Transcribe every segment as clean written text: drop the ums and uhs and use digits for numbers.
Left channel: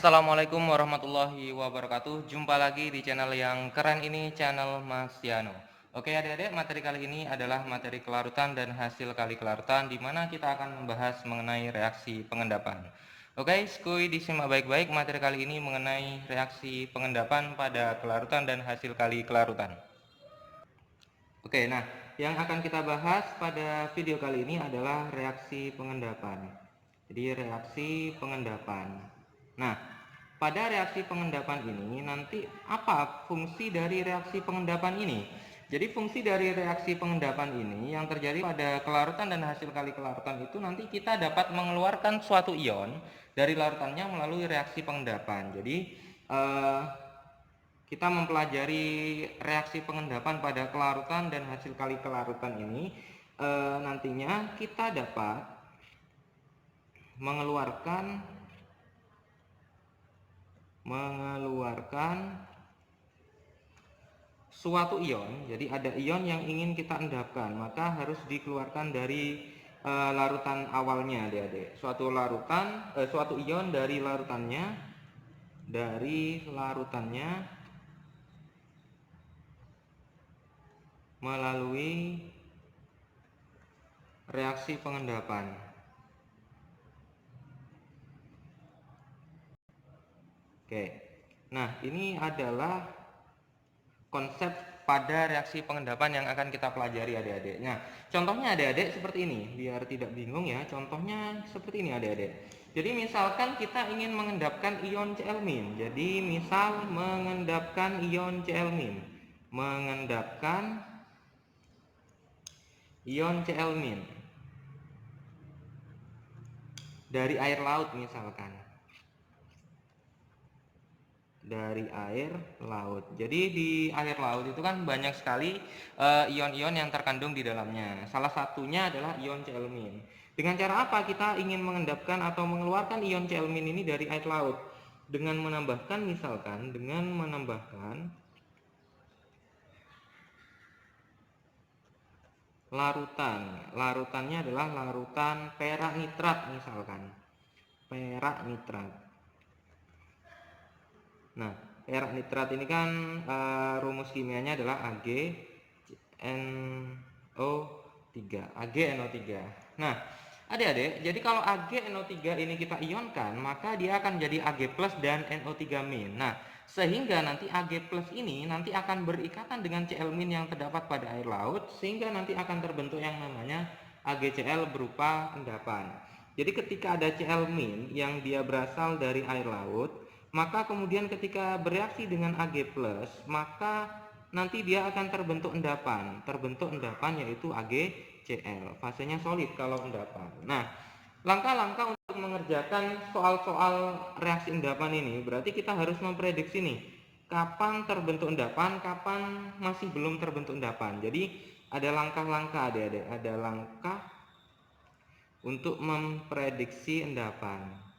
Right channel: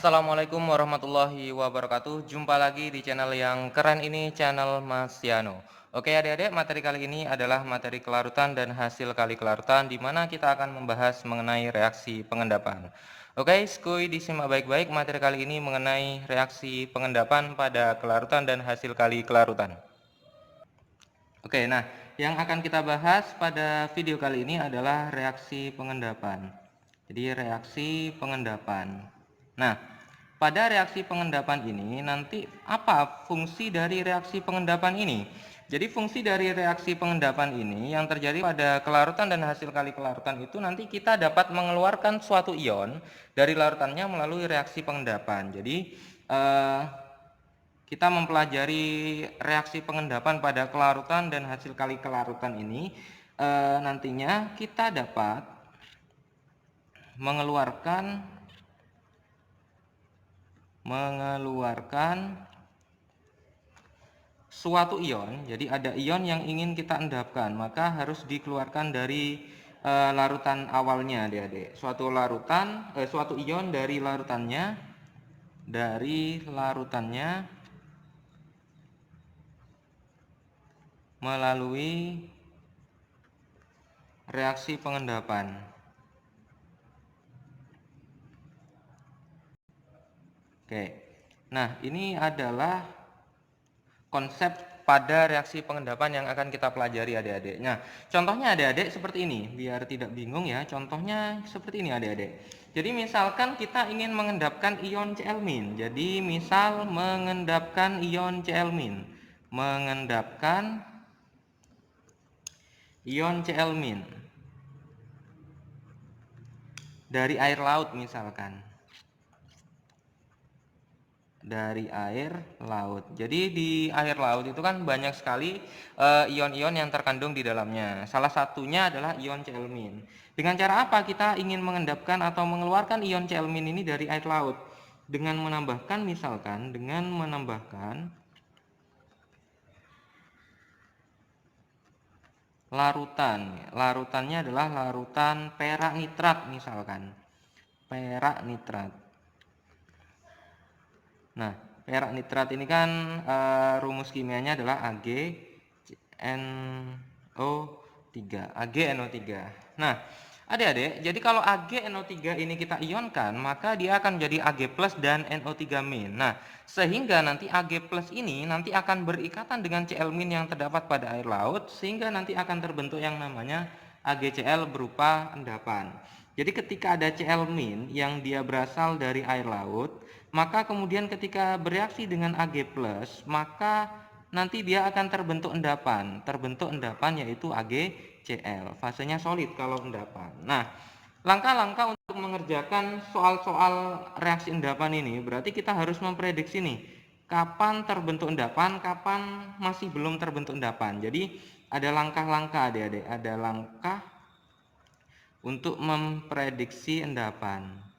Assalamualaikum warahmatullahi wabarakatuh. Jumpa lagi di channel yang keren ini, channel Mas Yano. Oke adik-adik, materi kali ini adalah materi kelarutan dan hasil kali kelarutan, di mana kita akan membahas mengenai reaksi pengendapan. Oke, skuy disimak baik-baik, materi kali ini mengenai reaksi pengendapan pada kelarutan dan hasil kali kelarutan. Oke, nah yang akan kita bahas pada video kali ini adalah reaksi pengendapan. Jadi reaksi pengendapan. Nah, pada reaksi pengendapan ini nanti apa fungsi dari reaksi pengendapan ini? Jadi fungsi dari reaksi pengendapan ini yang terjadi pada kelarutan dan hasil kali kelarutan itu nanti kita dapat mengeluarkan suatu ion dari larutannya melalui reaksi pengendapan. Jadi eh, kita mempelajari reaksi pengendapan pada kelarutan dan hasil kali kelarutan ini, nantinya kita dapat mengeluarkan suatu ion. Jadi ada ion yang ingin kita endapkan, maka harus dikeluarkan dari larutan awalnya, adik-adik. Suatu ion dari larutannya melalui reaksi pengendapan. Oke. Nah, ini adalah konsep pada reaksi pengendapan yang akan kita pelajari adik-adik. Nah, contohnya adik-adik seperti ini, biar tidak bingung ya. Contohnya seperti ini adik-adik. Jadi misalkan kita ingin mengendapkan ion Cl-. Jadi misal mengendapkan ion Cl-. Mengendapkan ion Cl- dari air laut misalkan. Dari air laut. Jadi di air laut itu kan banyak sekali ion-ion yang terkandung di dalamnya. Salah satunya adalah ion Cl-. Dengan cara apa kita ingin mengendapkan atau mengeluarkan ion Cl- ini dari air laut? Dengan menambahkan larutan. Larutannya adalah larutan perak nitrat misalkan. Perak nitrat. Nah, perak nitrat ini kan rumus kimianya adalah AgNO3. Nah, adik-adik, jadi kalau AgNO3 ini kita ionkan, maka dia akan jadi Ag+ dan NO3-. Nah, sehingga nanti Ag+ ini nanti akan berikatan dengan Cl- yang terdapat pada air laut, sehingga nanti akan terbentuk yang namanya AgCl berupa endapan. Jadi ketika ada Cl- yang dia berasal dari air laut, maka kemudian ketika bereaksi dengan Ag+, maka nanti dia akan terbentuk endapan yaitu AgCl. Fasenya solid kalau endapan. Nah, langkah-langkah untuk mengerjakan soal-soal reaksi endapan ini berarti kita harus memprediksi nih kapan terbentuk endapan, kapan masih belum terbentuk endapan. Jadi ada langkah-langkah adik-adik, ada langkah untuk memprediksi endapan.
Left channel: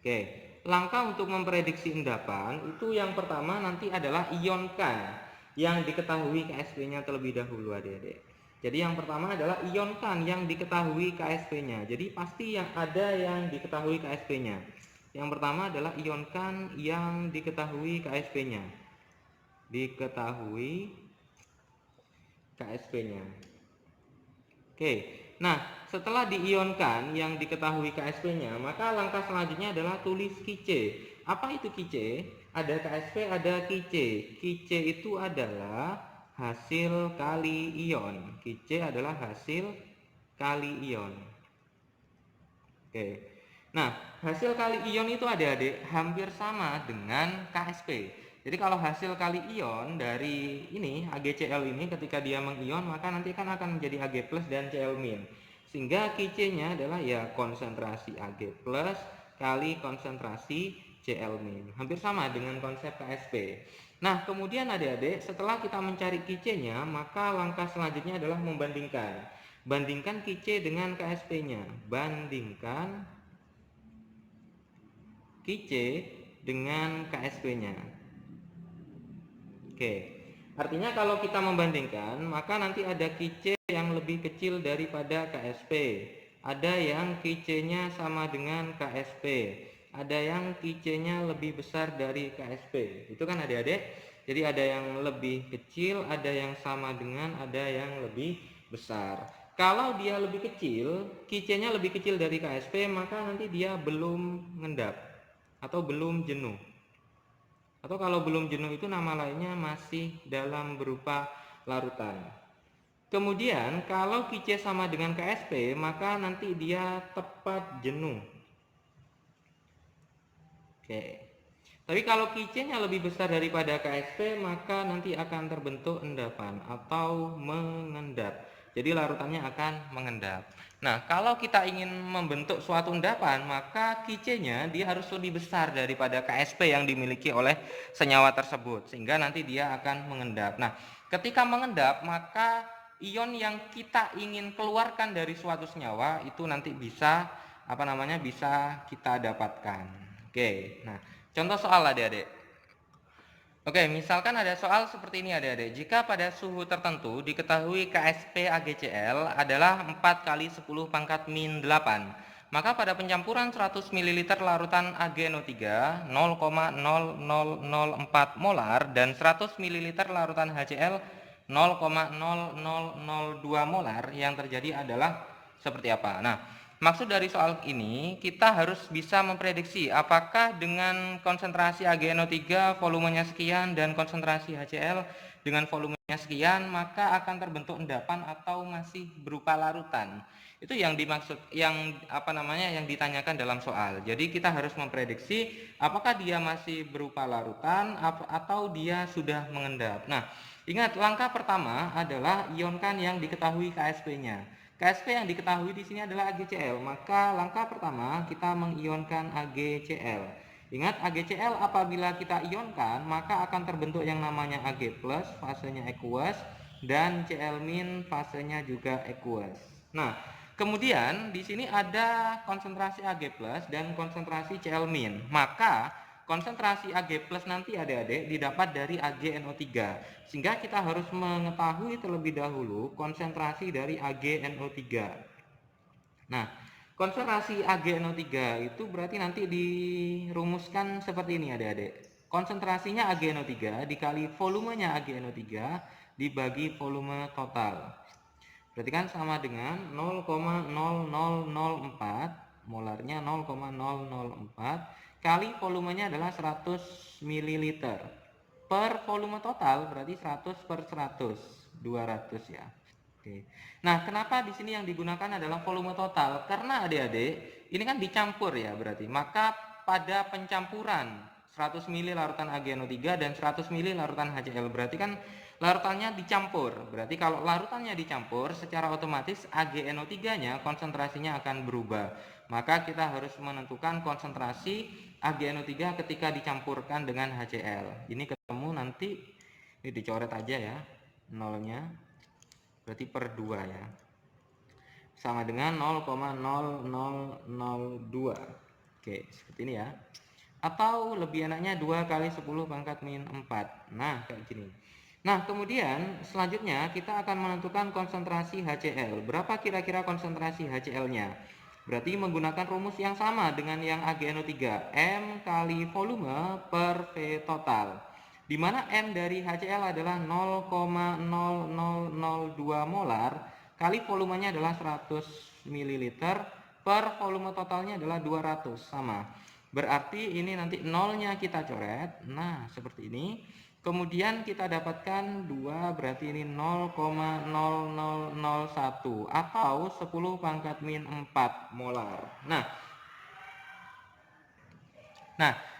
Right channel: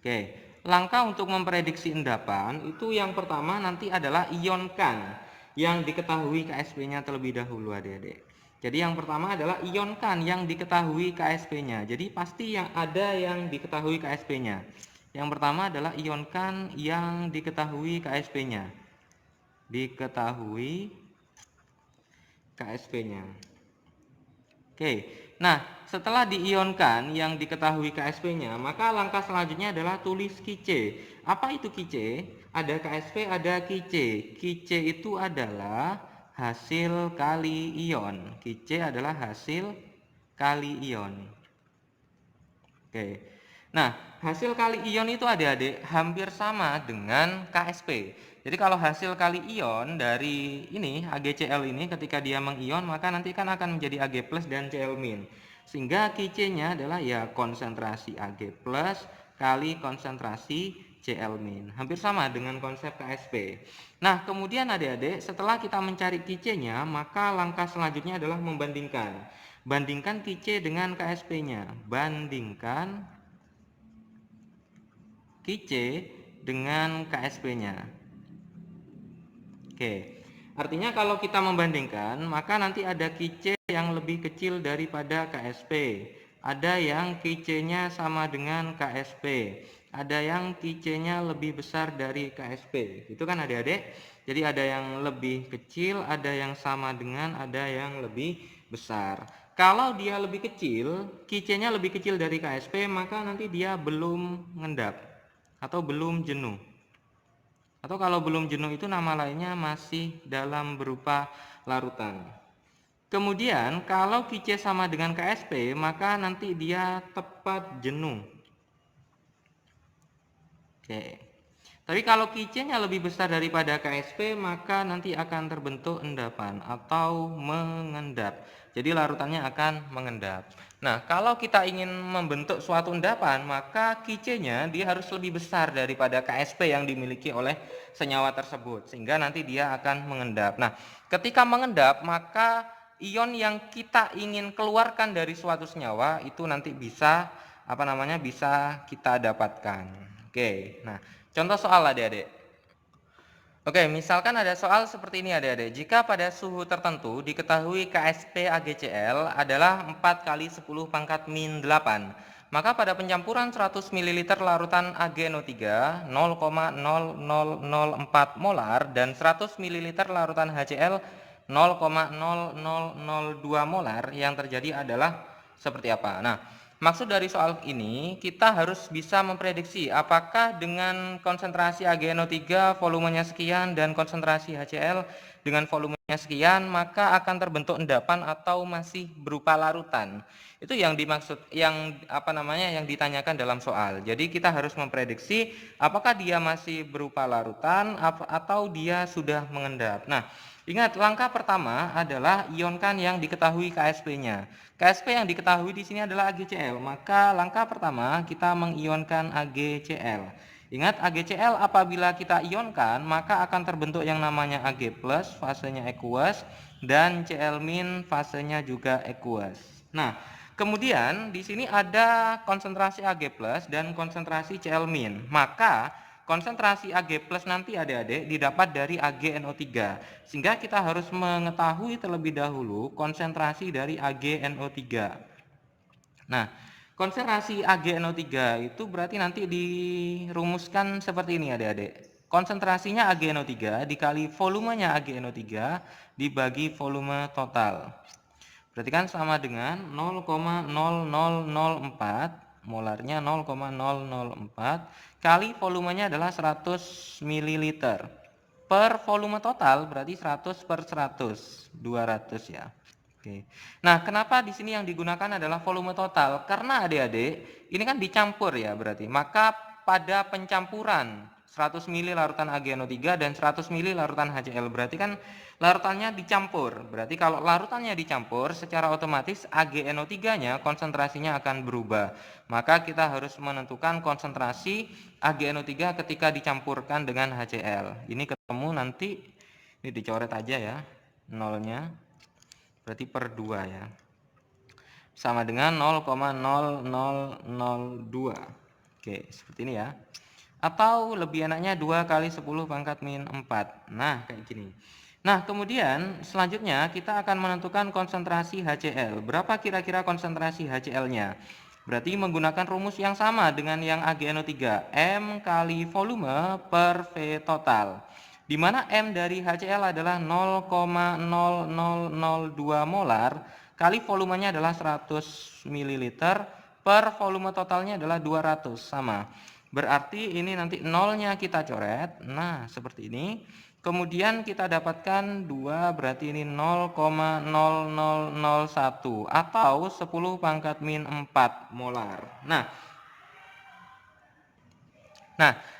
Oke, langkah untuk memprediksi endapan itu yang pertama nanti adalah ionkan yang diketahui KSP-nya terlebih dahulu adik-adik. Jadi yang pertama adalah ionkan yang diketahui KSP-nya. Jadi pasti yang ada yang diketahui KSP-nya. Yang pertama adalah ionkan yang diketahui KSP-nya. Diketahui KSP-nya. Oke, nah setelah diionkan yang diketahui KSP-nya, maka langkah selanjutnya adalah tulis Kice. Apa itu Kice? Ada KSP, ada Kice. Kice itu adalah hasil kali ion. Kice adalah hasil kali ion. Oke, nah hasil kali ion itu adik-adik hampir sama dengan KSP. Jadi kalau hasil kali ion dari ini AgCl ini ketika dia mengion, maka nanti kan akan menjadi Ag+ dan Cl-. Sehingga Kc-nya adalah ya konsentrasi Ag+ kali konsentrasi Cl-. Hampir sama dengan konsep KSP. Nah, kemudian adik-adik setelah kita mencari Kc-nya, maka langkah selanjutnya adalah membandingkan. Bandingkan Kc dengan KSP-nya. Bandingkan Kc dengan KSP-nya. Oke, artinya kalau kita membandingkan, maka nanti ada Kc yang lebih kecil daripada KSP. ada yang Qc-nya sama dengan Ksp, ada yang Qc-nya lebih besar dari Ksp, itu kan adik-adik. Jadi ada yang lebih kecil, ada yang sama dengan, ada yang lebih besar. Kalau dia lebih kecil, Qc-nya lebih kecil dari Ksp, maka nanti dia belum ngendap atau belum jenuh. Atau kalau belum jenuh itu nama lainnya masih dalam berupa larutan. Kemudian kalau Qc sama dengan Ksp, maka nanti dia tepat jenuh. Oke. Tapi kalau Qc-nya lebih besar daripada Ksp, maka nanti akan terbentuk endapan atau mengendap. Jadi larutannya akan mengendap. Nah, kalau kita ingin membentuk suatu endapan, maka Qc-nya dia harus lebih besar daripada Ksp yang dimiliki oleh senyawa tersebut, sehingga nanti dia akan mengendap. Nah, ketika mengendap, maka ion yang kita ingin keluarkan dari suatu senyawa itu nanti bisa bisa kita dapatkan. Oke, nah contoh soal adik-adik. Oke, misalkan ada soal seperti ini adik-adik. Jika pada suhu tertentu diketahui Ksp AgCl adalah 4 kali 10 pangkat min 8, maka pada pencampuran 100 ml larutan AgNO3 0,0004 molar dan 100 ml larutan HCl 0,0002 molar, yang terjadi adalah seperti apa? Nah, maksud dari soal ini, kita harus bisa memprediksi apakah dengan konsentrasi AgNO3 volumenya sekian dan konsentrasi HCl dengan volumenya sekian, maka akan terbentuk endapan atau masih berupa larutan. Itu yang dimaksud, yang ditanyakan dalam soal. Jadi kita harus memprediksi apakah dia masih berupa larutan atau dia sudah mengendap. Nah, ingat, langkah pertama adalah ionkan yang diketahui Ksp-nya. Ksp yang diketahui di sini adalah AgCl, maka langkah pertama kita mengionkan AgCl. Ingat, AgCl apabila kita ionkan maka akan terbentuk yang namanya Ag+, fasenya aqueous, dan Cl- fasenya juga aqueous. Nah, kemudian di sini ada konsentrasi Ag+ dan konsentrasi Cl-, maka konsentrasi Ag+ nanti adik-adik didapat dari AgNO3, sehingga kita harus mengetahui terlebih dahulu konsentrasi dari AgNO3. Nah, konsentrasi AgNO3 itu berarti nanti dirumuskan seperti ini adik-adik. Konsentrasinya AgNO3 dikali volumenya AgNO3 dibagi volume total. Berarti kan sama dengan 0,0004, molarnya 0,004, kali volumenya adalah 100 ml. Per volume total berarti 100 per 100, 200 ya. Oke. Nah, kenapa di sini yang digunakan adalah volume total? Karena adik-adik, ini kan dicampur ya berarti. Maka pada pencampuran 100 ml larutan AgNO3 dan 100 ml larutan HCl, berarti kan larutannya dicampur. Berarti kalau larutannya dicampur, secara otomatis AgNO3-nya konsentrasinya akan berubah. Maka kita harus menentukan konsentrasi AgNO3 ketika dicampurkan dengan HCl. Ini ketemu nanti, ini dicoret aja ya, nolnya. Berarti per 2 ya. Sama dengan 0,0002. Oke, seperti ini ya. Atau lebih enaknya 2 kali 10 pangkat min 4. Nah, kayak gini. Nah, kemudian selanjutnya kita akan menentukan konsentrasi HCl. Berapa kira-kira konsentrasi HCl-nya? Berarti menggunakan rumus yang sama dengan yang AgNO3, M kali volume per V total. Di mana M dari HCl adalah 0,0002 molar kali volumenya adalah 100 ml per volume totalnya adalah 200, sama. Berarti ini nanti nolnya kita coret. Nah, seperti ini. Kemudian kita dapatkan 2, berarti ini 0,0001 atau 10 pangkat min 4 molar. Nah,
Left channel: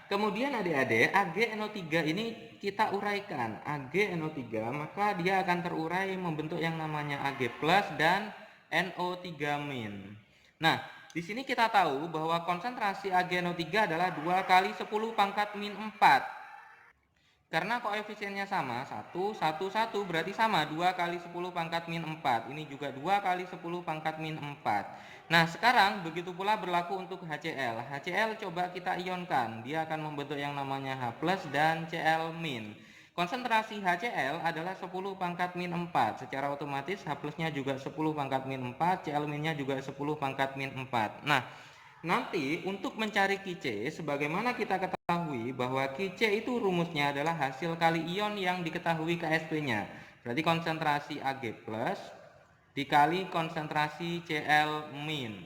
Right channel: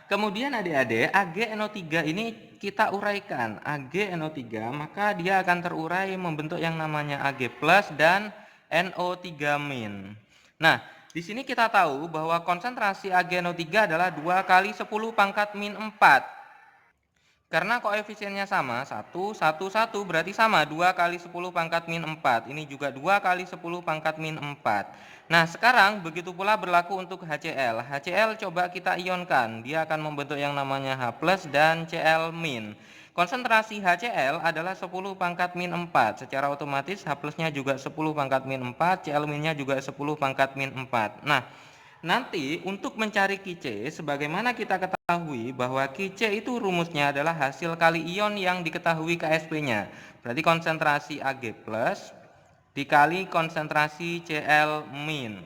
kemudian adik-adik, AgNO3 ini kita uraikan. AgNO3 maka dia akan terurai membentuk yang namanya Ag+ dan NO3-. Nah, di sini kita tahu bahwa konsentrasi AgNO3 adalah 2 kali 10 pangkat min 4. Karena koefisiennya sama, 1, 1, 1 berarti sama 2 kali 10 pangkat min 4. Ini juga 2 kali 10 pangkat min 4. Nah, sekarang begitu pula berlaku untuk HCl. HCl coba kita ionkan, dia akan membentuk yang namanya H+ dan Cl-. Konsentrasi HCl adalah 10 pangkat min 4. Secara otomatis H plusnya juga 10 pangkat min 4, Cl minnya juga 10 pangkat min 4. Nah, nanti untuk mencari Qc, sebagaimana kita ketahui bahwa Qc itu rumusnya adalah hasil kali ion yang diketahui Ksp-nya. Berarti konsentrasi Ag plus dikali konsentrasi Cl min.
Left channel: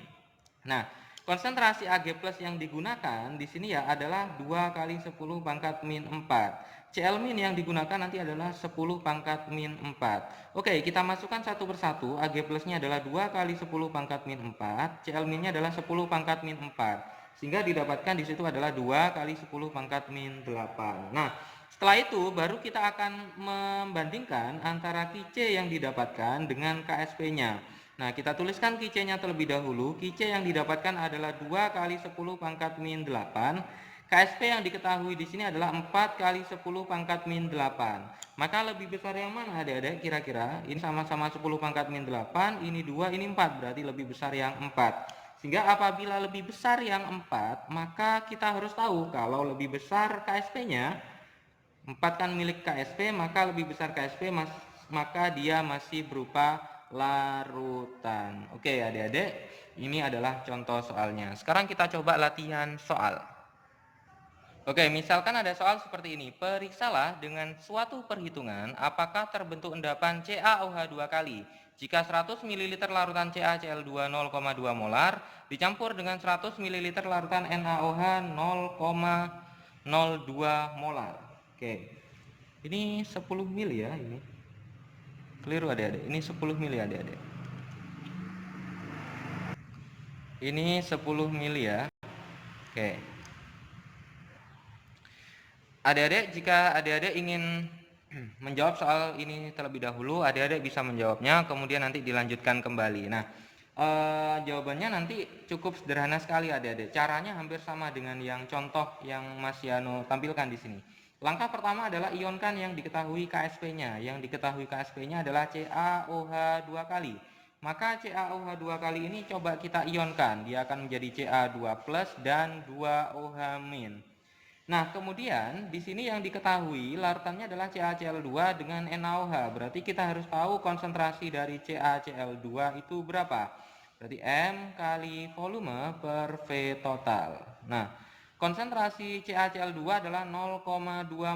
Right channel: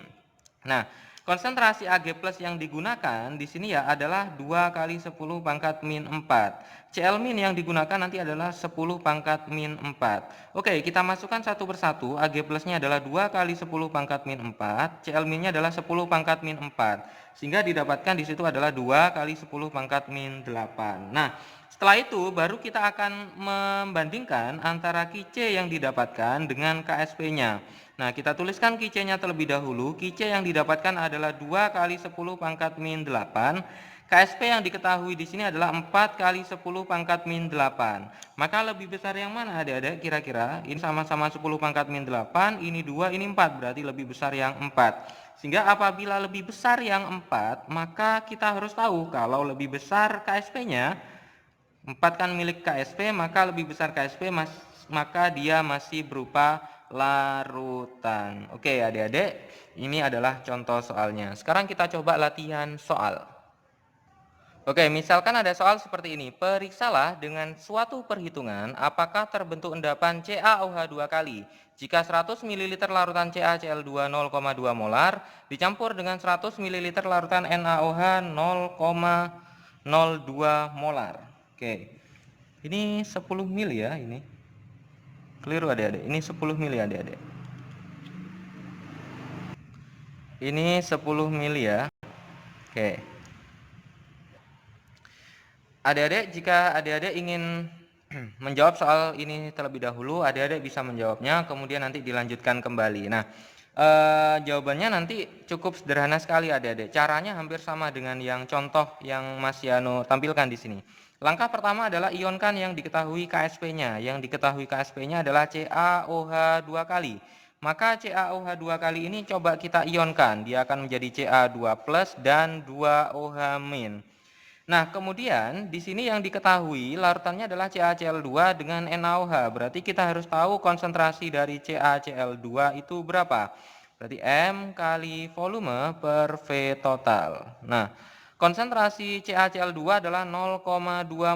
Nah, konsentrasi Ag plus yang digunakan di sini ya adalah 2 kali 10 pangkat min 4. Cl min yang digunakan nanti adalah 10 pangkat min 4. Oke, kita masukkan satu persatu. Ag plusnya adalah 2 kali 10 pangkat min 4. Cl minnya adalah 10 pangkat min 4. Sehingga didapatkan di situ adalah 2 kali 10 pangkat min 8. Nah, setelah itu baru kita akan membandingkan antara Qc yang didapatkan dengan Ksp-nya. Nah, kita tuliskan Qc-nya terlebih dahulu. Qc yang didapatkan adalah 2 kali 10 pangkat min 8. Ksp yang diketahui di sini adalah 4 kali 10 pangkat min 8. Maka lebih besar yang mana adik-adik kira-kira? Ini sama-sama 10 pangkat min 8, ini 2, ini 4. Berarti lebih besar yang 4. Sehingga apabila lebih besar yang 4, maka kita harus tahu kalau lebih besar Ksp-nya, 4 kan milik Ksp, maka lebih besar Ksp, maka dia masih berupa larutan. Oke adik-adik, ini adalah contoh soalnya. Sekarang kita coba latihan soal. Oke, misalkan ada soal seperti ini. Periksalah dengan suatu perhitungan apakah terbentuk endapan CaOH 2 kali jika 100 ml larutan CaCl2 0,2 molar dicampur dengan 100 ml larutan NaOH 0,02 molar. Oke. Ini 10 ml ya ini. Keliru adik-adik. Ini 10 ml adik-adik. Ini 10 ml ya. Oke. Adik-adik, jika adik-adik ingin menjawab soal ini terlebih dahulu, adik-adik bisa menjawabnya, kemudian nanti dilanjutkan kembali. Nah, jawabannya nanti cukup sederhana sekali adik-adik. Caranya hampir sama dengan yang contoh yang Mas Yano tampilkan di sini. Langkah pertama adalah ionkan yang diketahui Ksp-nya. Yang diketahui Ksp-nya adalah CaOH 2 kali. Maka CaOH 2 kali ini coba kita ionkan. Dia akan menjadi Ca2 plus dan 2OH min. Nah, kemudian di sini yang diketahui larutannya adalah CaCl2 dengan NaOH. Berarti kita harus tahu konsentrasi dari CaCl2 itu berapa. Berarti M kali volume per V total. Nah, konsentrasi CaCl2 adalah 0,2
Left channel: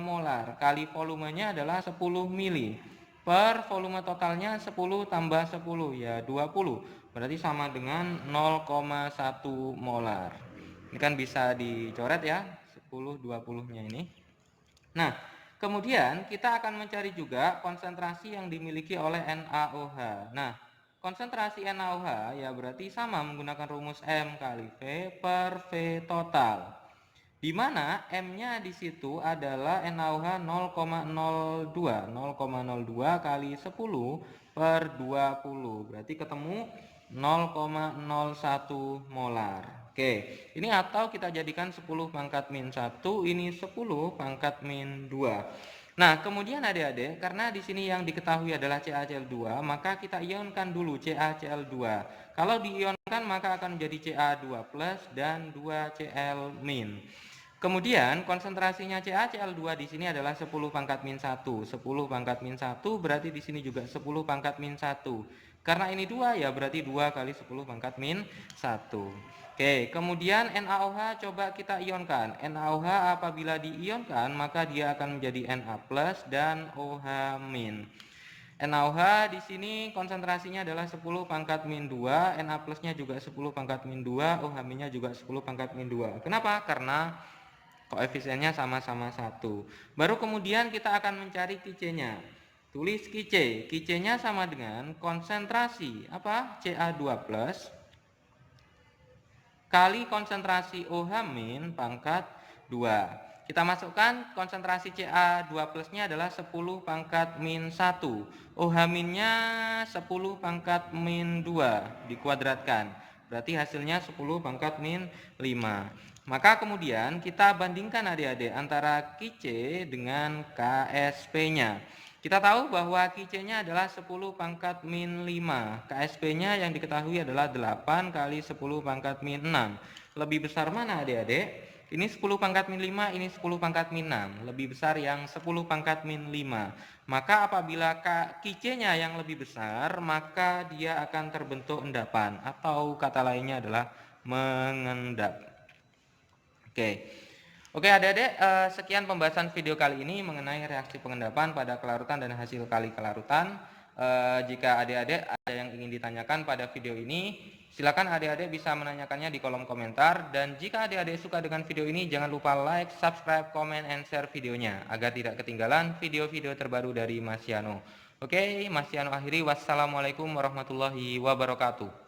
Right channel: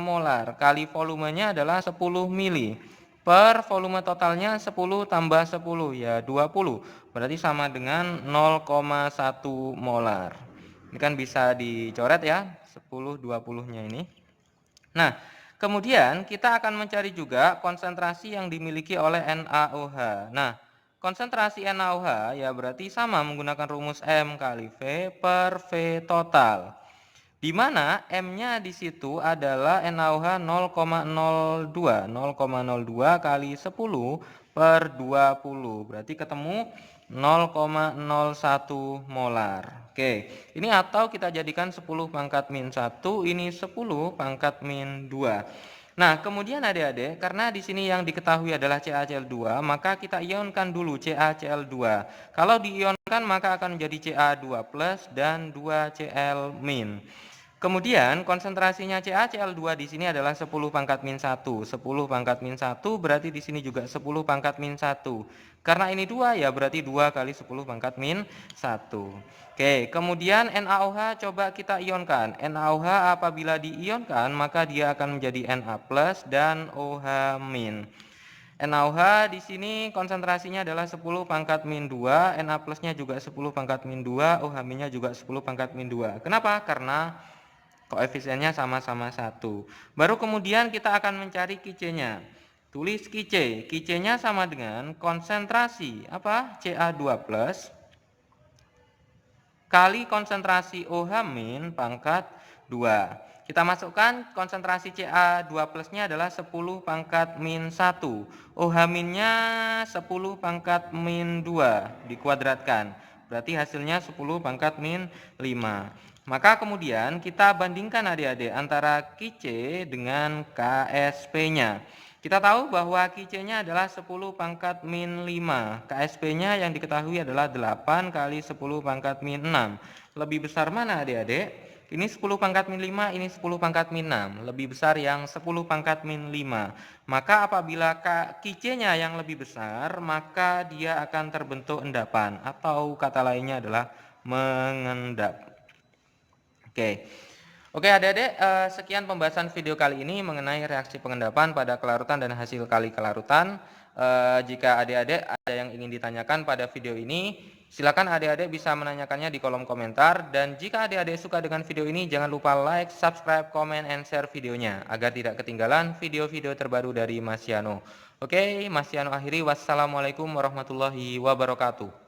molar. Kali volumenya adalah 10 mili. Per volume totalnya 10 tambah 10 ya 20. Berarti sama dengan 0,1 molar. Ini kan bisa dicoret ya. 10 20-nya ini. Nah, kemudian kita akan mencari juga konsentrasi yang dimiliki oleh NaOH. Nah, konsentrasi NaOH ya berarti sama menggunakan rumus M kali V per V total. Di mana M-nya di situ adalah NaOH 0,02. 0,02 kali 10 per 20. Berarti ketemu 0,01 molar. Oke, ini atau kita jadikan 10 pangkat min 1, ini 10 pangkat min 2. Nah, kemudian adik-adik, karena di sini yang diketahui adalah CaCl2, maka kita ionkan dulu CaCl2. Kalau diionkan maka akan menjadi Ca2 plus dan 2Cl min. Kemudian konsentrasinya CaCl2 di sini adalah 10 pangkat min 1. 10 pangkat min 1 berarti di sini juga 10 pangkat min 1. Karena ini 2 ya berarti 2 kali 10 pangkat min 1. Oke, kemudian NaOH coba kita ionkan. NaOH apabila diionkan maka dia akan menjadi Na plus dan OH min. NaOH di sini konsentrasinya adalah 10 pangkat min 2, Na plusnya juga 10 pangkat min 2, OH minnya juga 10 pangkat min 2. Kenapa? Karena koefisiennya sama-sama 1. Baru kemudian kita akan mencari Qc-nya. Tulis Qc. Qc-nya sama dengan konsentrasi apa? Ca2 plus kali konsentrasi OH min pangkat 2. Kita masukkan konsentrasi Ca2 plusnya adalah 10 pangkat min 1. OH minnya 10 pangkat min 2 dikuadratkan. Berarti hasilnya 10 pangkat min 5. Maka kemudian kita bandingkan adik-adik antara Qc dengan Ksp-nya. Kita tahu bahwa Qc-nya adalah 10 pangkat min 5. Ksp-nya yang diketahui adalah 8 kali 10 pangkat min 6. Lebih besar mana adik-adik? Ini 10 pangkat min 5, ini 10 pangkat min 6. Lebih besar yang 10 pangkat min 5. Maka apabila QC-nya yang lebih besar, maka dia akan terbentuk endapan. Atau kata lainnya adalah mengendap. Oke adik-adik, sekian pembahasan video kali ini mengenai reaksi pengendapan pada kelarutan dan hasil kali kelarutan. Jika adik-adik ada yang ingin ditanyakan pada video ini, silakan adik-adik bisa menanyakannya di kolom komentar. Dan jika adik-adik suka dengan video ini, jangan lupa like, subscribe, comment, and share videonya agar tidak ketinggalan video-video terbaru dari Mas Yano. Oke, Mas Yano akhiri. Wassalamualaikum warahmatullahi wabarakatuh.